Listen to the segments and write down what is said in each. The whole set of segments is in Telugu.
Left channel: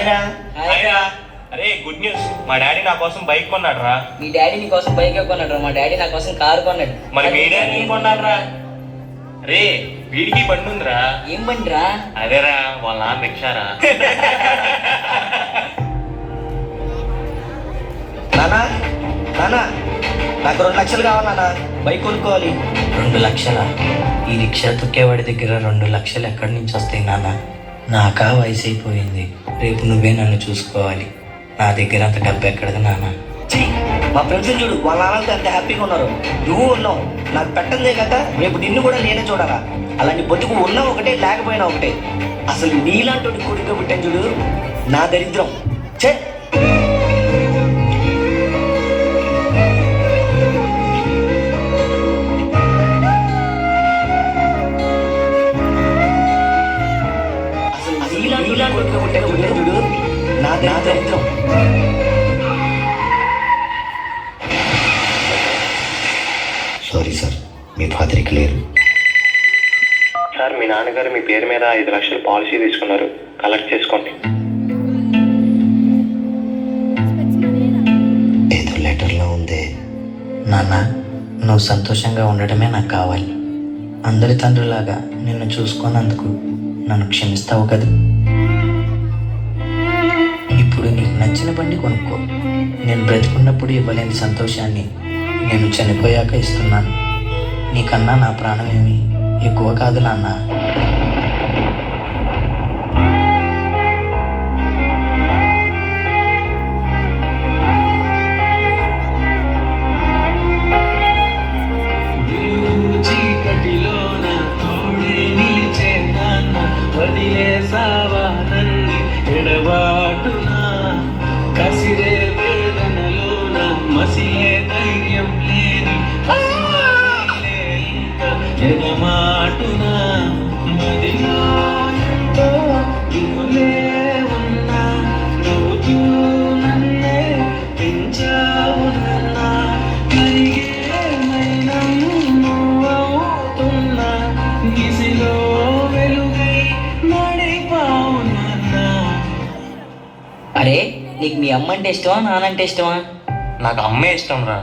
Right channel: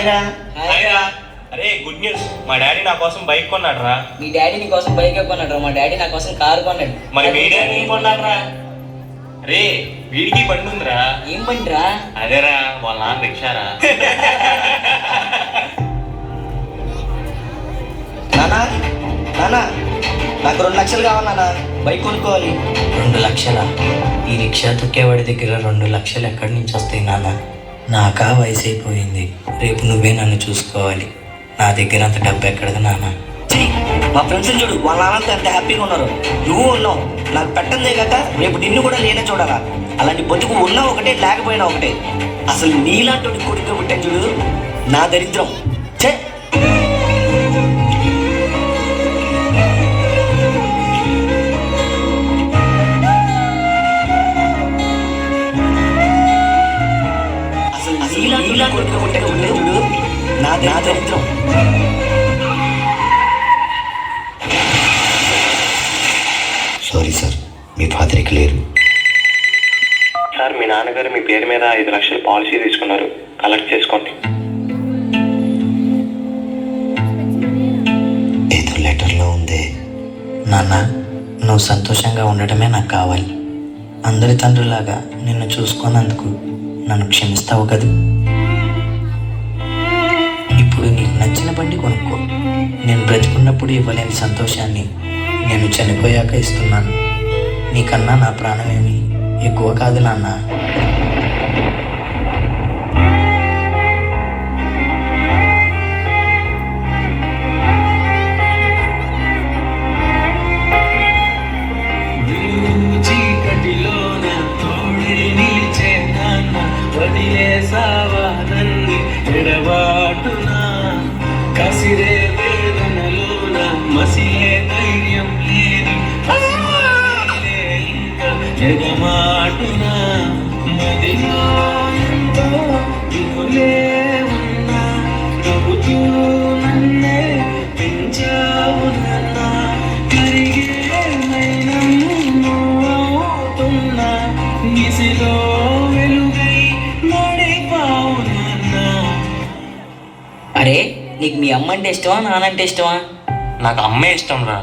అరే గుడ్ న్యూస్, మా డాడీ నా కోసం బైక్ కొన్నాడు రా. మీ డాడీ నీ కోసం బైక్ కొన్నాడు, మా డాడీ నా కోసం కారు కొన్నాడు. మరి మీ డాడీ ఏం కొన్నాడు రా? రే వీడికి బండి ఉందిరా. ఏం బండి రా? అదేరా వాళ్ళ నాన్న రిక్షారా. నాకు 2 లక్షలు కావాలన్నా, బైక్ కొనుక్కోవాలి. 2 లక్షలా? ఈ రిక్షా తొక్కేవాడి దగ్గర 2 లక్షలు ఎక్కడి నుంచి వస్తాయి నాన్న? నాకా వయసు అయిపోయింది, రేపు నువ్వే నన్ను చూసుకోవాలి. నా దగ్గర అంత డబ్బు ఎక్కడది నాన్న? మా ఫ్రెండ్స్ చూడు, వాళ్ళ నాన్నకి అంత హ్యాపీగా ఉన్నారు, నువ్వు ఉన్నావు. నాకు పెట్టందే కదా, రేపు నిన్ను కూడా నేనే చూడాలా. అలాంటి బతుకు ఉన్నా ఒకటే, లేకపోయినా ఒకటే. అసలు నీలాంటి కొడుకు పుట్టాను చూడు, నా దరిద్రం. చే సారీ సార్, మీ ఫాదర్ ఇక లేరు. సార్ మీ నాన్నగారు మీ పేరు మీద 5 లక్షలు పాలసీ తీసుకున్నారు, కలెక్ట్ చేసుకోండి. ఏదో లెటర్లో ఉందే. నాన్న, నువ్వు సంతోషంగా ఉండటమే నాకు కావాలి. అందరి తండ్రిలాగా నిన్ను చూసుకున్నందుకు నన్ను క్షమిస్తావు కదా. ఇప్పుడు నీకు నచ్చిన బండి కొనుక్కో. నేను బ్రతికున్నప్పుడు ఇవ్వలేని సంతోషాన్ని నేను చనిపోయాక ఇస్తున్నాను. నీకన్నా నా ప్రాణం ఏమి ఎక్కువ కాదు నాన్న. అరే నీకు మీ అమ్మ అంటే ఇష్టమా, నానంటే ఇష్టమా? నాకు అమ్మే ఇష్టం రా.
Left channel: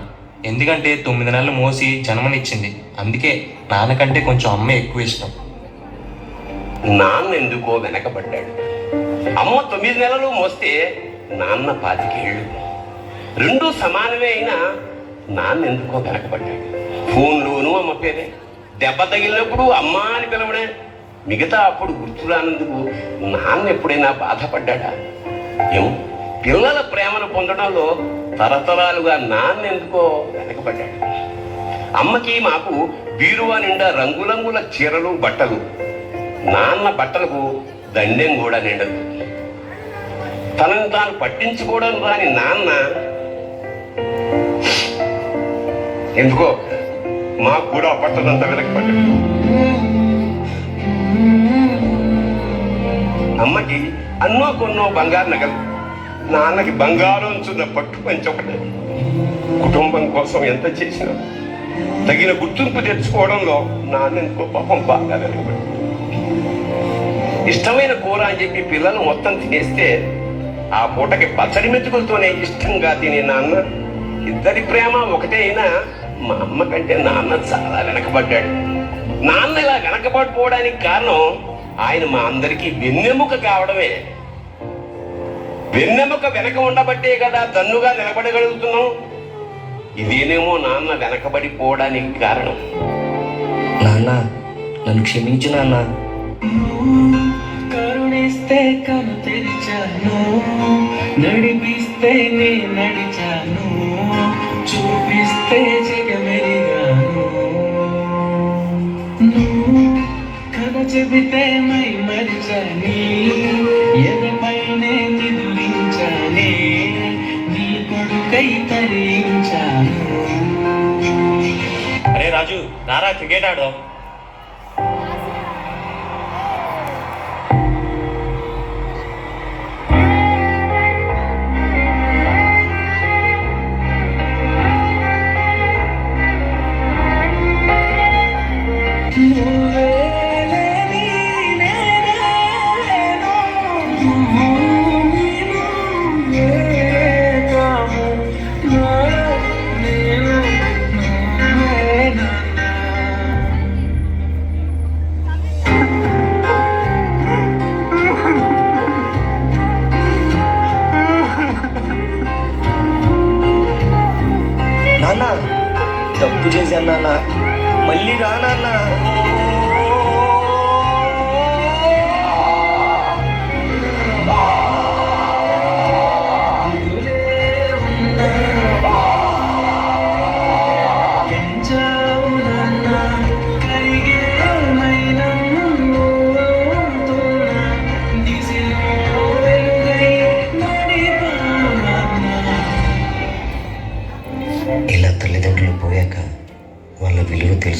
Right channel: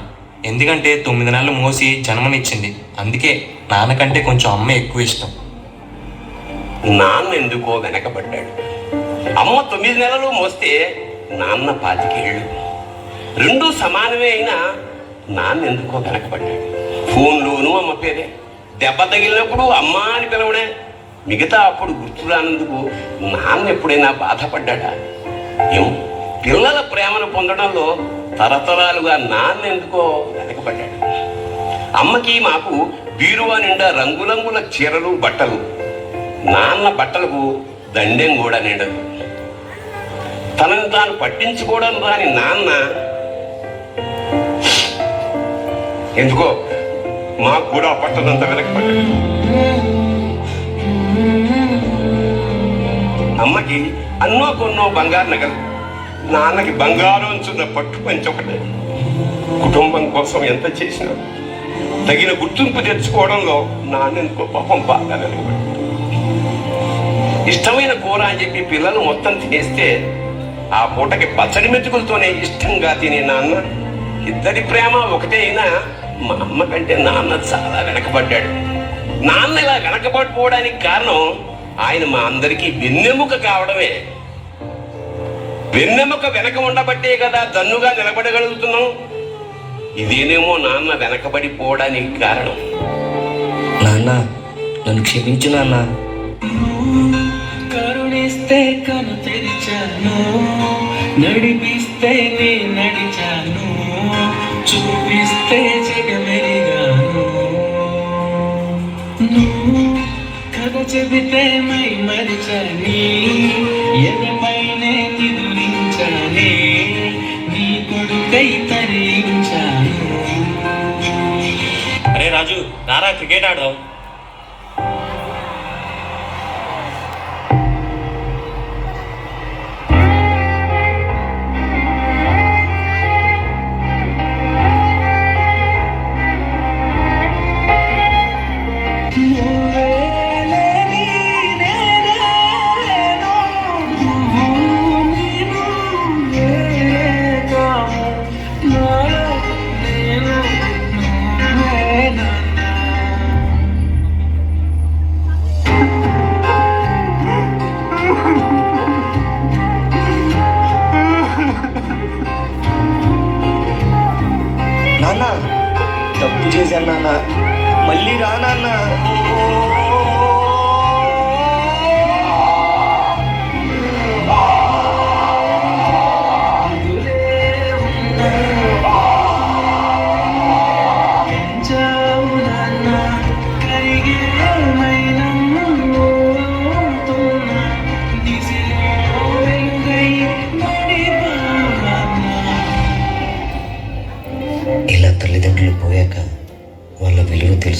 ఎందుకంటే 9 నెలలు మోసి జన్మనిచ్చింది, అందుకే నాన్నకంటే కొంచెం అమ్మే ఎక్కువ ఇష్టం. నాన్న ఎందుకో వెనకబడ్డాడు. అమ్మ 9 నెలలు మోస్తే నాన్న 25 ఏళ్ళు. 2 సమానమే అయినా నాన్న ఎందుకో వెనకబడ్డాడు. ఫోన్లోనూ అమ్మ పేరే, దెబ్బ తగిలినప్పుడు అమ్మ అని పిలవడే. మిగతా అప్పుడు గుర్తు రానందుకు నాన్న ఎప్పుడైనా బాధపడ్డాడా? ఏమో, పిల్లల ప్రేమను పొందడంలో తరతరాలుగా నాన్న ఎందుకో వెనకబడ్డాడు. అమ్మకి మాకు బీరువా నిండా రంగురంగుల చీరలు, బట్టలు. నాన్న బట్టలకు దండెం కూడా నిండదు. తనని తాను పట్టించుకోవడం రాని నాన్న ఎందుకో మాకు కూడా పట్టదంతా వెనకబడ్డాడు. అమ్మకి అన్నో కొన్నో బంగారు నగలు, నాన్నకి బంగారం చున్న పట్టు పంచొకటే. కుటుంబం కోసం ఎంత చేసినా తగిన గుర్తింపు తెచ్చుకోవడంలో నాన్న ఎంతో పాపం బాగా వెనకబడ్డాడు. ఇష్టమైన కూర అని చెప్పి పిల్లలు మొత్తం తినేస్తే ఆ పూటకి పచ్చడి మెతుకులతోనే ఇష్టంగా తినే నాన్న, ఇద్దరి ప్రేమ ఒకటే అయినా మా అమ్మ కంటే నాన్న చాలా వెనకబడ్డాడు. నాన్న ఇలా వెనకబడిపోవడానికి కారణం ఆయన మా అందరికీ వెన్నెముక కావడమే. వెన్నెముక వెనక ఉండబట్టే కదా దన్నుగా నిలబడగలుగుతున్నాం. ఇదేనేమో నాన్న వెనకబడిపోవడానికి కారణం. నాన్న, నన్ను క్షమించు నాన్న. కరుణిస్తే కను తెరిచాను, నడిపిస్తే నే నడిచాను, చూపిస్తే జగమెరిగాను. నువ్వు కథ చెబితే మై మరిచాని, ఎదపైనే నిదురించానే, నీ కొడుకై తరించాను. అరే రాజు, నారా క్రికెట్ ఆడదాం.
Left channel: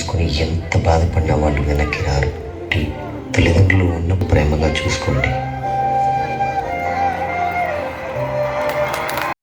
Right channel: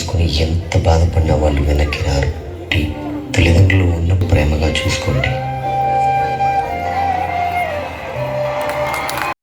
తెలుసుకుని ఎంత బాధపడినా వాళ్ళు వెనక్కి రారు. తల్లిదండ్రులు ఉన్న ప్రేమగా చూసుకోండి.